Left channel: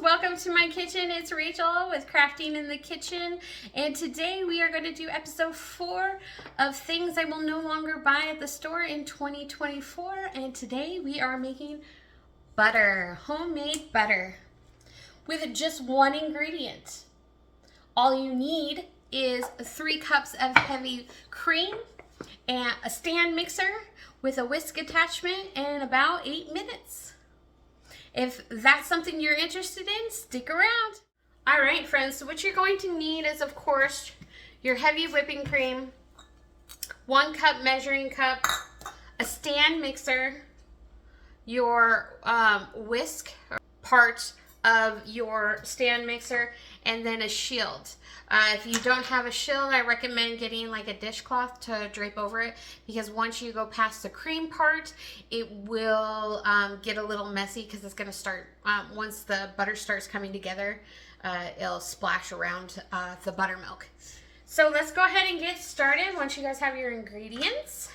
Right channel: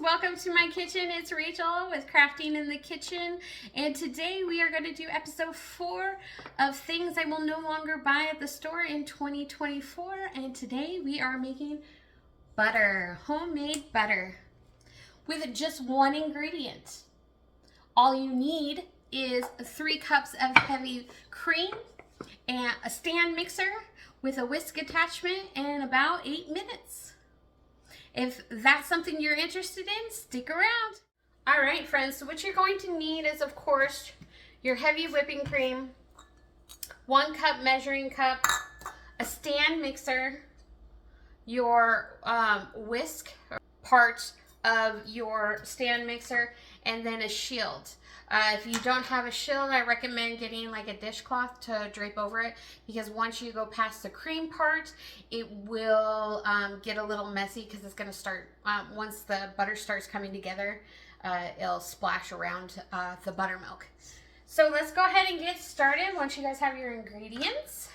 welcome to my kitchen. It's Rachel with Crafting in the Kitchen, and today we are going to do episode 4 of things I will no longer buy at the store in 2024. And today we are making butter, homemade butter, with just one ingredient. All you need is 3 cups of heavy cream and a stand mixer with a whisk attachment and about 8 minutes. If that's something you're interested in, stick around. All right, friends, so what you're going to need is, of course, your heavy whipping cream, 1 cup measuring cup, a stand mixer, your whisk part of your stand mixer, and then a shield. If you don't have a shield, I recommend getting like a dishcloth to drape over it, because once you go past the cream part, it will get a little messy, because it's going to start, once the butter starts coming together, it'll splash around the buttermilk. So let's go ahead and get started. Once you guys have your ingredients,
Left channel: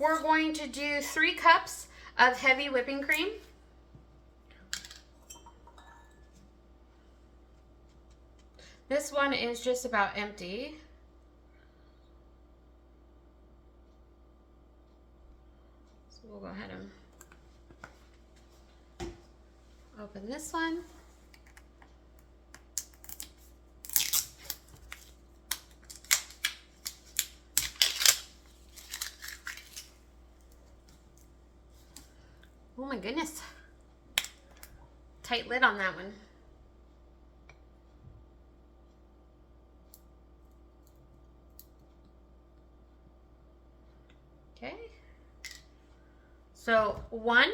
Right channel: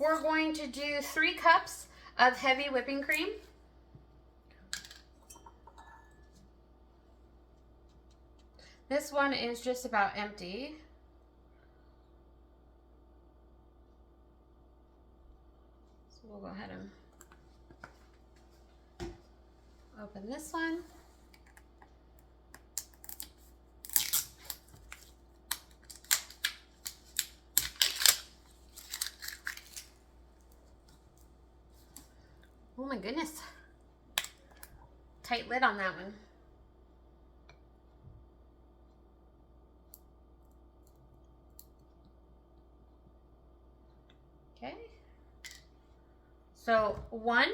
we're going to do 3 cups of heavy whipping cream. This one is just about empty. So we'll go ahead and open this one. Oh my goodness. Tight lid on that one. Okay, so 1,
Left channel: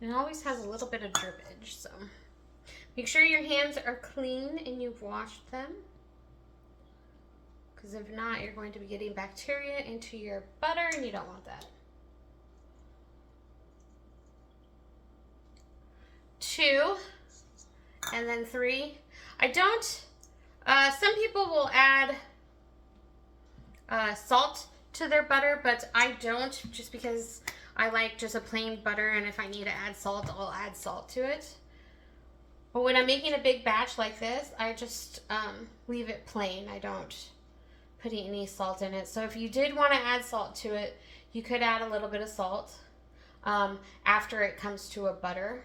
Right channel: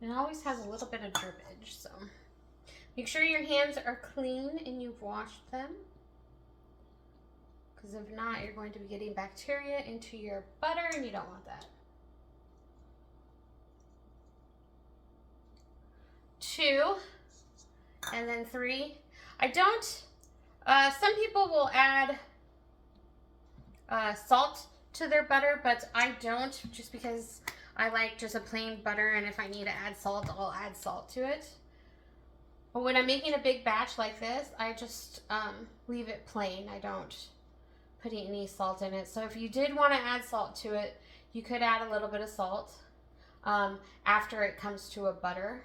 and it always has a little bit of drippage, so make sure your hands are clean and you've washed them, because if not, you're going to be getting bacteria into your butter and you don't want that. 2, and then 3. I don't, some people will add salt to their butter, but I don't, just because I like just a plain butter, and if I need to add salt, I'll add salt to it. But when I'm making a big batch like this, I just leave it plain. I don't put any salt in it. So if you did want to add salt to it, you could add a little bit of salt after it comes to a butter.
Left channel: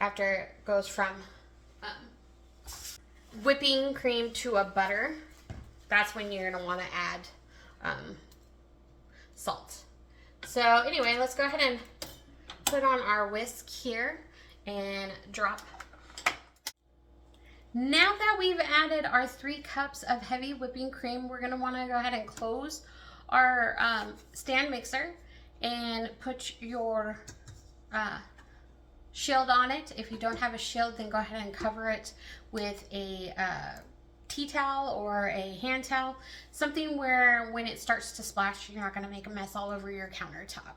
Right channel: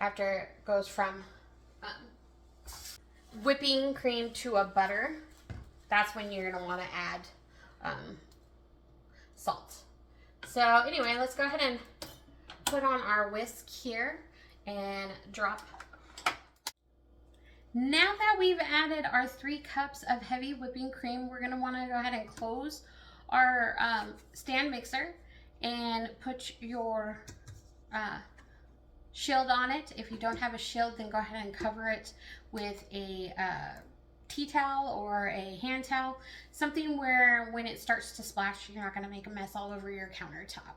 After it goes from whipping cream to a butter, that's when you're going to want to add salt. So anyway, let's go ahead and put on our whisk here and drop. Now that we've added our 3 cups of heavy whipping cream, we're going to want to go ahead and close our stand mixer and put your shield on it. If you don't have a shield, then go ahead and cover it with a tea towel or a hand towel, something where when it starts to splash, you're not going to make a mess all over your countertop.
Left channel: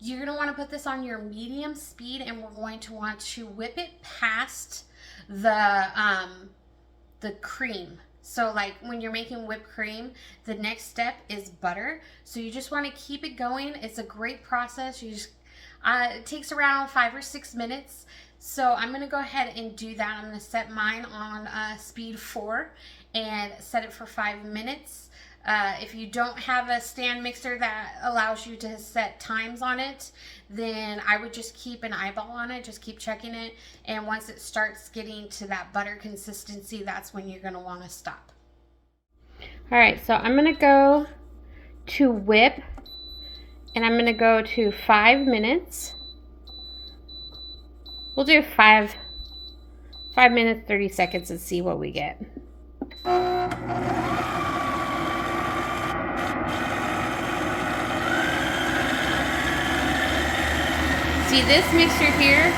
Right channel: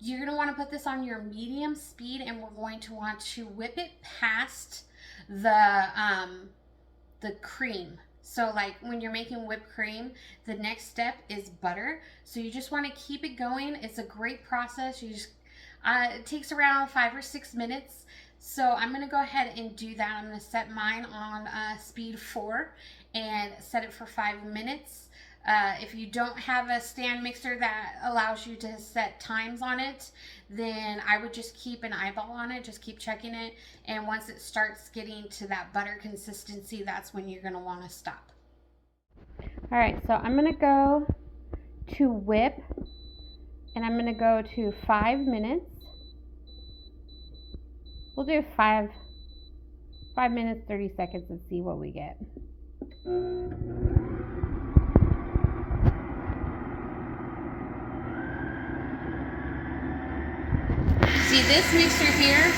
You're going to want to put this on your medium speed, and we're going to want to whip it past the cream. So like when you're making whipped cream, the next step is butter. So you just want to keep it going. It's a great process. You just it takes around 5 or 6 minutes. So I'm going to go ahead and do that. I'm going to set mine on speed 4 and set it for 5 minutes. If you don't have a stand mixer that allows you to set times on it, then I would just keep an eyeball on it. Just keep checking it. And once it starts getting to that butter consistency, that's when you're going to want to stop. All right, so I'm going to go to whip. And I'm going to go to 5 minutes. We'll do 5 minutes, 30 seconds and see what we get. See, this mixer here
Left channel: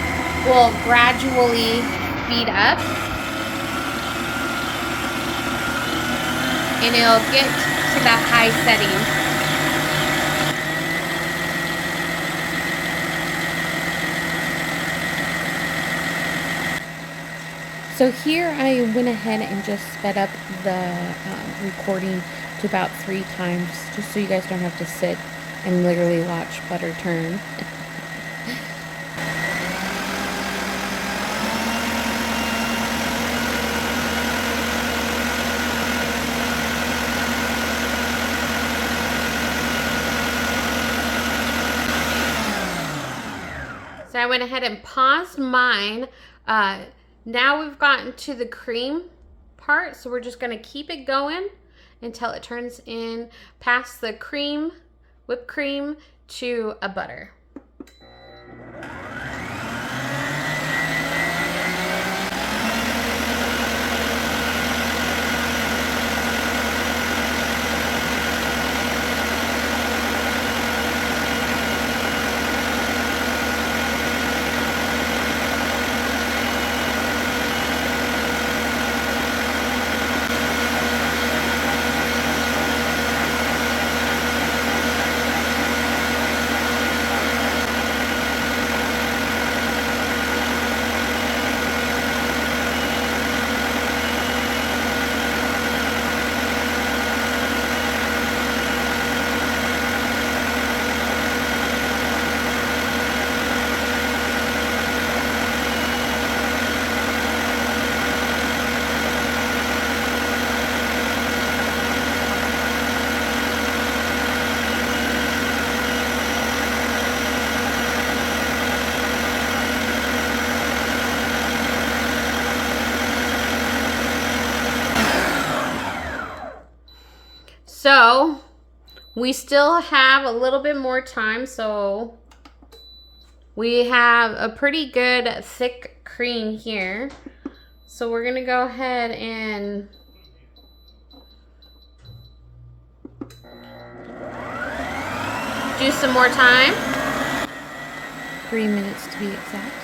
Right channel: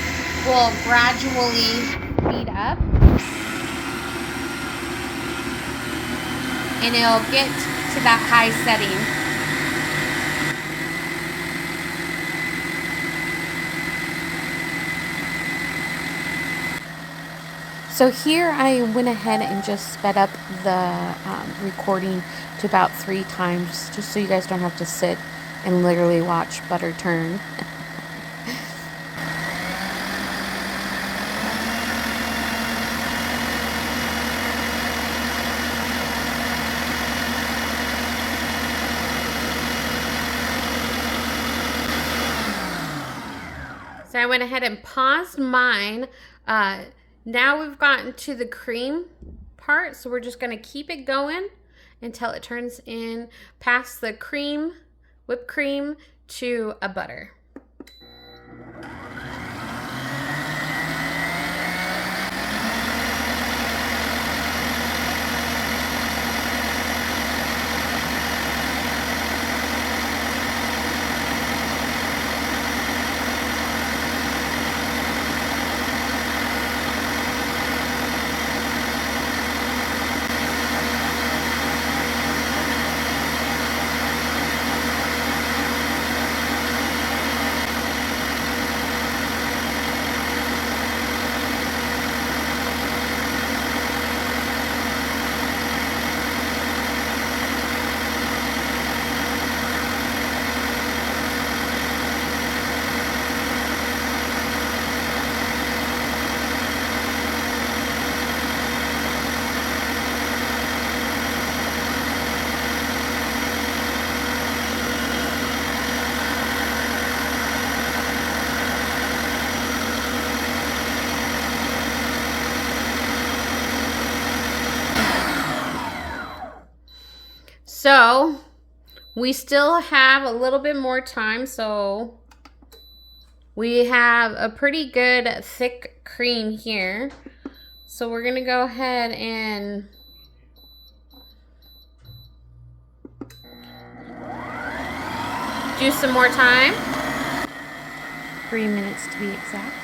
will gradually speed up. And it'll get to that high setting. So here I went ahead and just sped up the recording to about 3 times, just so you guys don't have to sit and literally watch butter turn. So I went ahead and paused mine. Now we've gotten to the cream part, so we're just going to keep it going until it turns in past the cream, whipped cream, to a butter. So we still have a little bit more time, so we have a pretty good thick cream here. So we're gonna go ahead and do some more time. 3 minutes to be exact.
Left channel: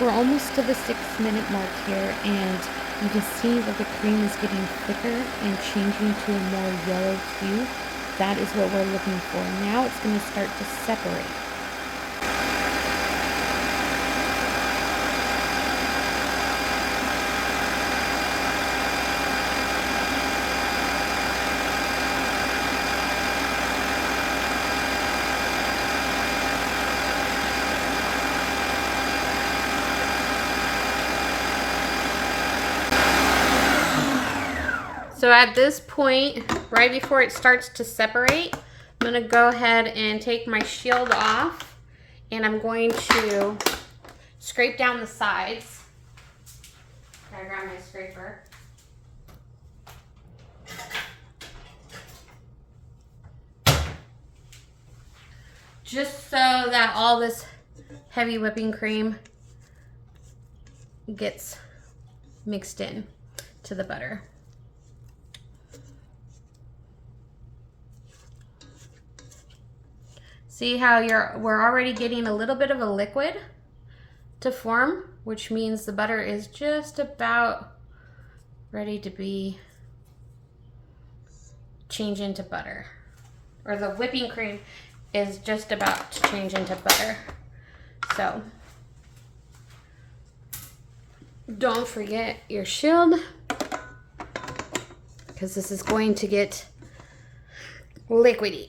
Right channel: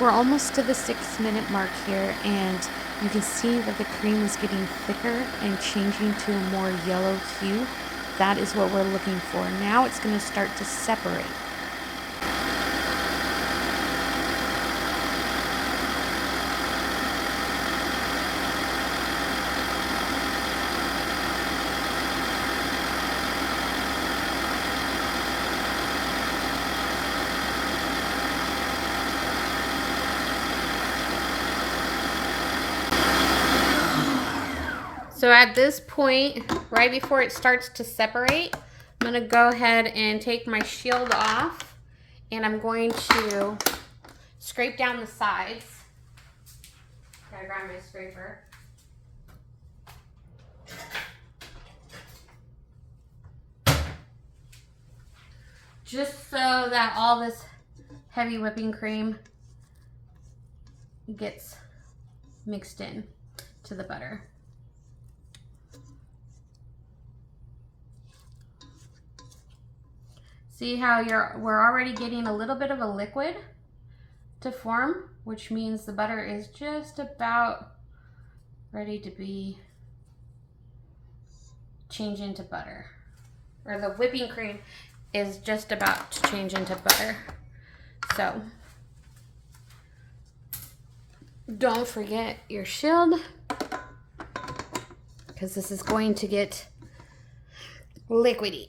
We're almost to the 6-minute mark here, and you can see that the cream is getting thicker and changing to a more yellow hue. That is what we're looking for. Now it's going to start to separate. So at this point, right before it starts to separate, I'm going to go ahead and take my shield off, and I'm going to scrape down the sides. Gotta grab my scraper. Just so that all this heavy whipping cream gets mixed in to the butter. See how we're already getting a little bit of a liquid to form, which means the butter is just about ready to be changed into butter. Or the whipping cream is just about to change into butter. So don't forget your shield, because this is going to get liquidy.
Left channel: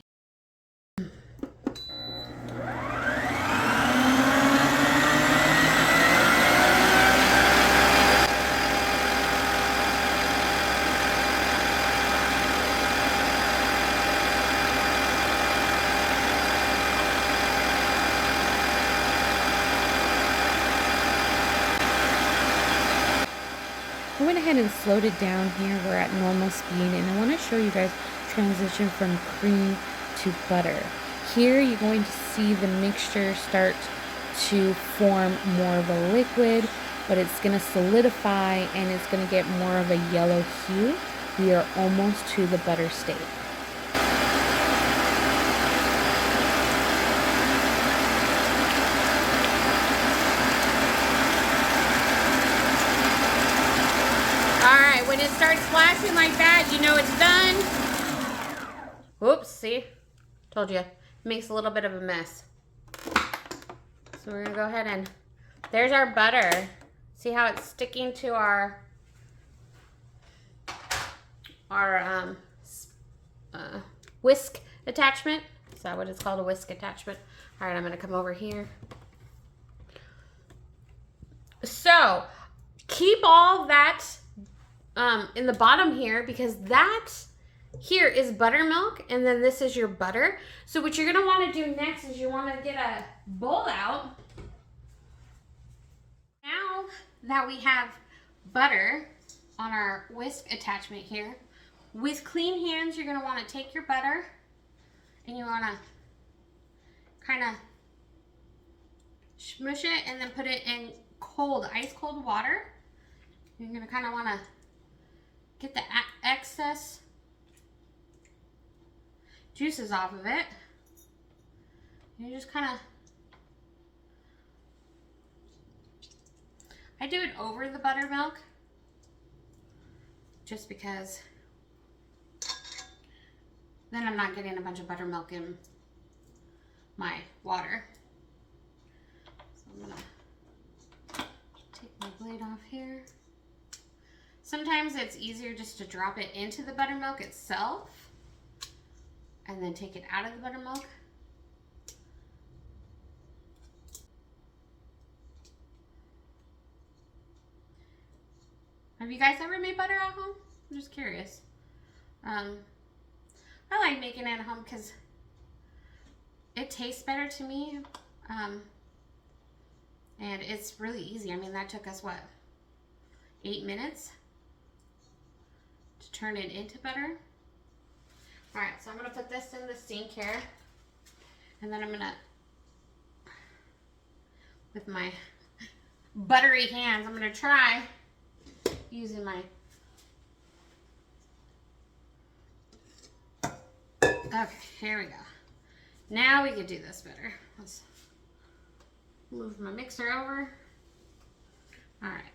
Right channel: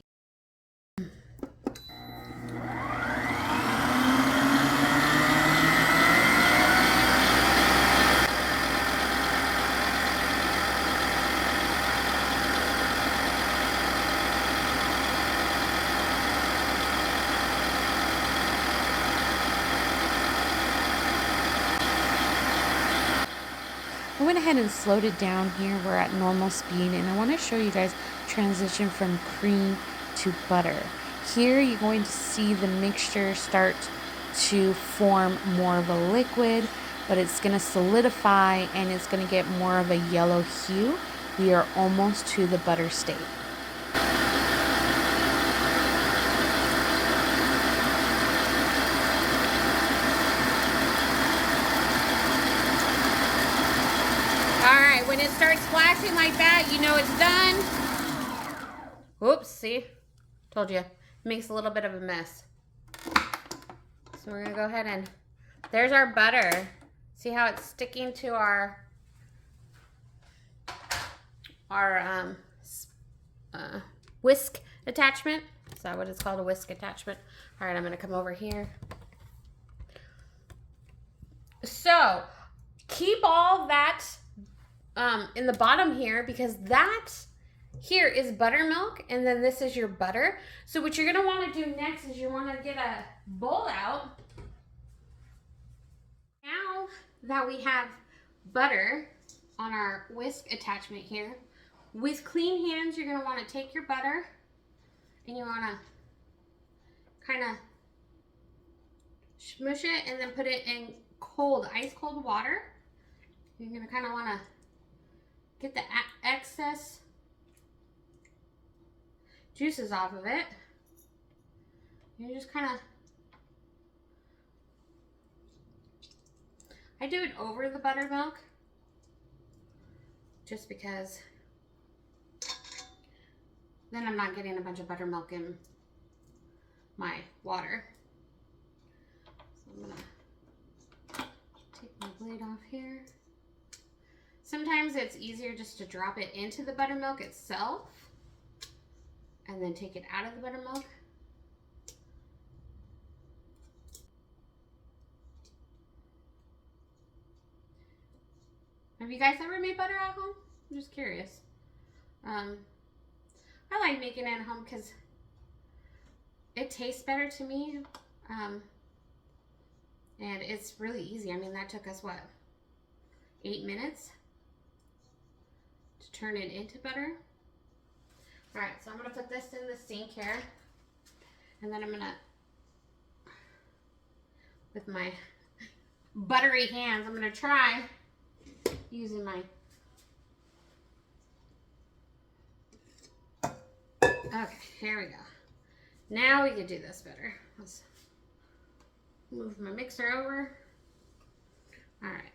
I went ahead and slowed it down here. We're at normal speed, and I want to show you guys transition from cream to butter. Here you're going to see the mixture start to form more of a liquid, but it's going to solidify and it's going to get more of a yellow hue. We are almost to the butter state. Alright, when it starts flashing like that, you know it's done. Oops, see? Told you. It makes a little bit of a mess. So we're going to go ahead and... There's our butter. See how it's sticking to our whisk attachment? Is that what it's called, a whisk attachment? All right, I'm gonna come over here. So keep all that in the bottom here, because that here is buttermilk, and then this is your butter. So what you're gonna want to do next is you want to get a bowl out. Now that we have butter on our whisk attachment here, with clean hands, you're going to want to take your butter and you want to kind of smush it and then put it in cold, ice cold water. You're going to kind of want to get the excess juices off of it. You just kind of, I do it over the buttermilk just because then I'm not getting a bunch of buttermilk in my water. So I'm gonna take my blade off here. Sometimes it's easier just to drop it into the buttermilk itself and then take it out of the buttermilk. Have you guys ever made butter at home? I'm just curious. I like making it at home because it tastes better to me. And it's really easy. I mean, that took us, what, 8 minutes to turn it into butter? All right, so I'm gonna put this in the sink here. And then I'm gonna, with my buttery hands, I'm gonna try using my, okay, here we go. Now we can do this better. Let's move my mixer over. All right,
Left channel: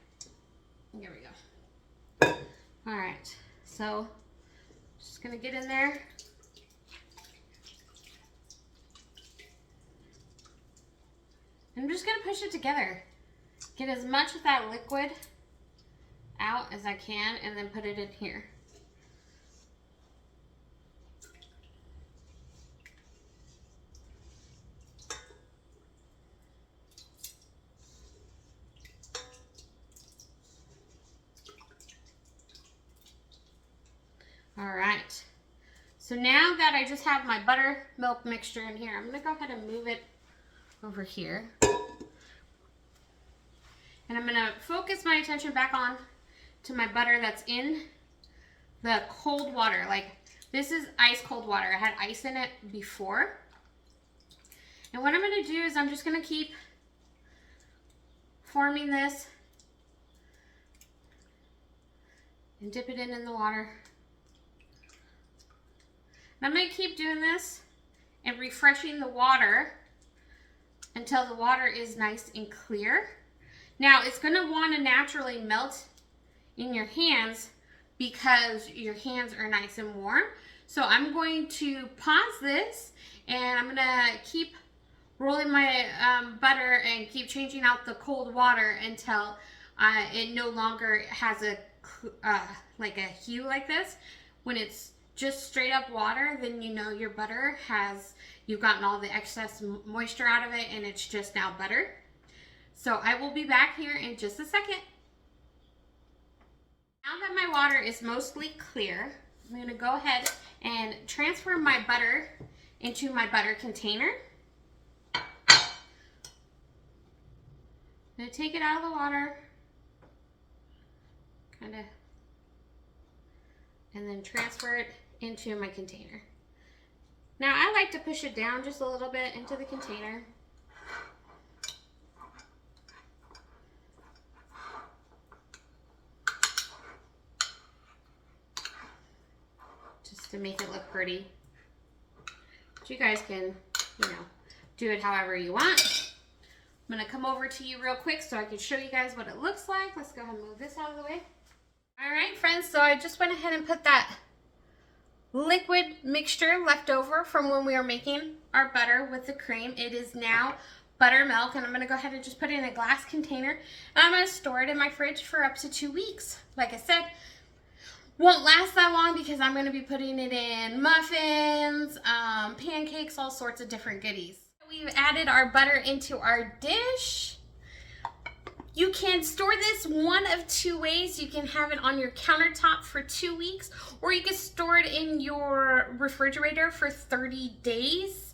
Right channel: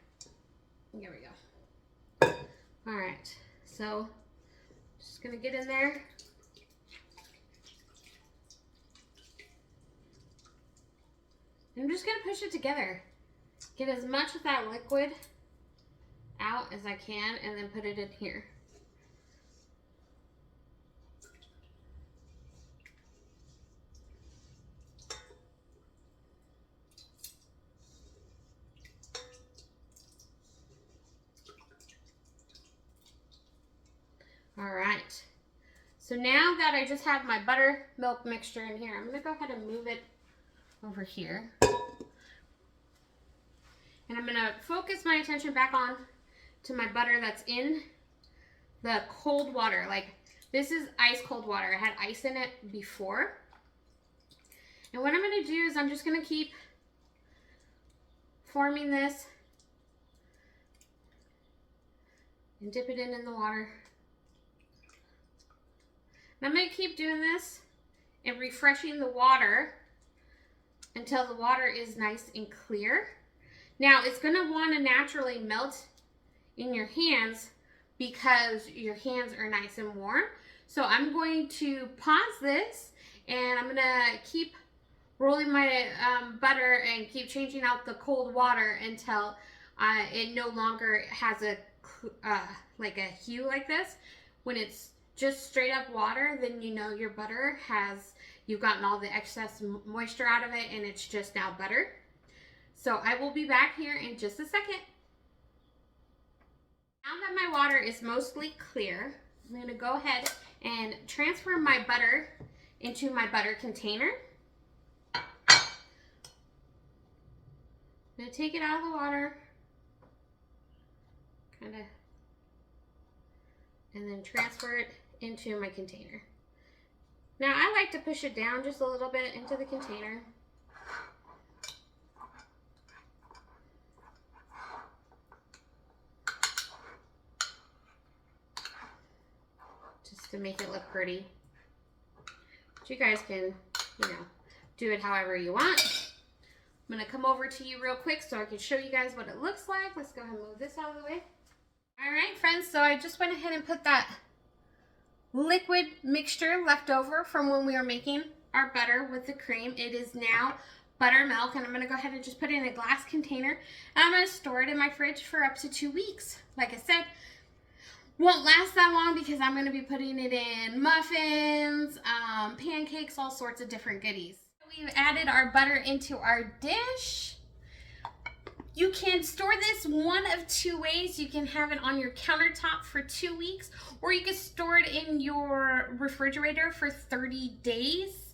here we go. All right, so just gonna get in there. I'm just gonna push it together. Get as much of that liquid out as I can and then put it in here. All right, so now that I just have my buttermilk mixture in here, I'm gonna go ahead and move it over here. And I'm gonna focus my attention back on to my butter that's in the cold water. Like, this is ice cold water. I had ice in it before. And what I'm gonna do is I'm just gonna keep forming this and dip it in the water. And I'm gonna keep doing this and refreshing the water until the water is nice and clear. Now, it's gonna wanna naturally melt in your hands because your hands are nice and warm. So I'm going to pause this and I'm gonna keep rolling my butter and keep changing out the cold water until it no longer has a like a hue like this. When it's just straight up water, then you know your butter has, you've gotten all the excess moisture out of it and it's just now butter. So I will be back here in just a second. Now that my water is mostly clear, I'm going to go ahead and transfer my butter into my butter container. I'm going to take it out of the water, kind of, and then transfer it into my container. Now I like to push it down just a little bit into the container. just to make it look pretty. But you guys can, you know, do it however you want. I'm gonna come over to you real quick so I can show you guys what it looks like. Let's go ahead and move this out of the way. All right, friends, so I just went ahead and put that liquid mixture left over from when we were making our butter with the cream. It is now buttermilk, and I'm gonna go ahead and just put it in a glass container, and I'm gonna store it in my fridge for up to 2 weeks. Like I said, won't last that long because I'm gonna be putting it in muffins, pancakes, all sorts of different goodies. We've added our butter into our dish. You can store this one of 2 ways. You can have it on your countertop for 2 weeks, or you can store it in your refrigerator for 30 days.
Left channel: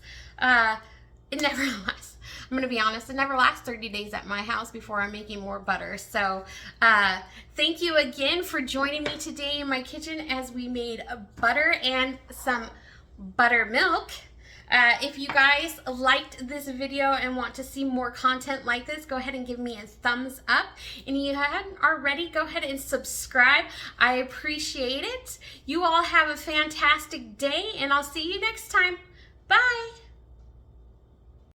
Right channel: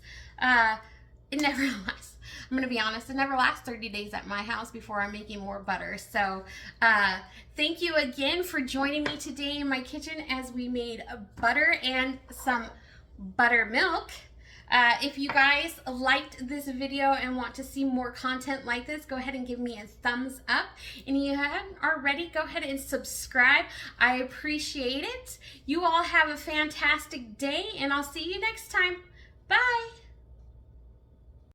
It never lasts. I'm gonna be honest, it never lasts 30 days at my house before I'm making more butter. So thank you again for joining me today in my kitchen as we made butter and some buttermilk. If you guys liked this video and want to see more content like this, go ahead and give me a thumbs up. And if you haven't already, go ahead and subscribe. I appreciate it. You all have a fantastic day, and I'll see you next time. Bye.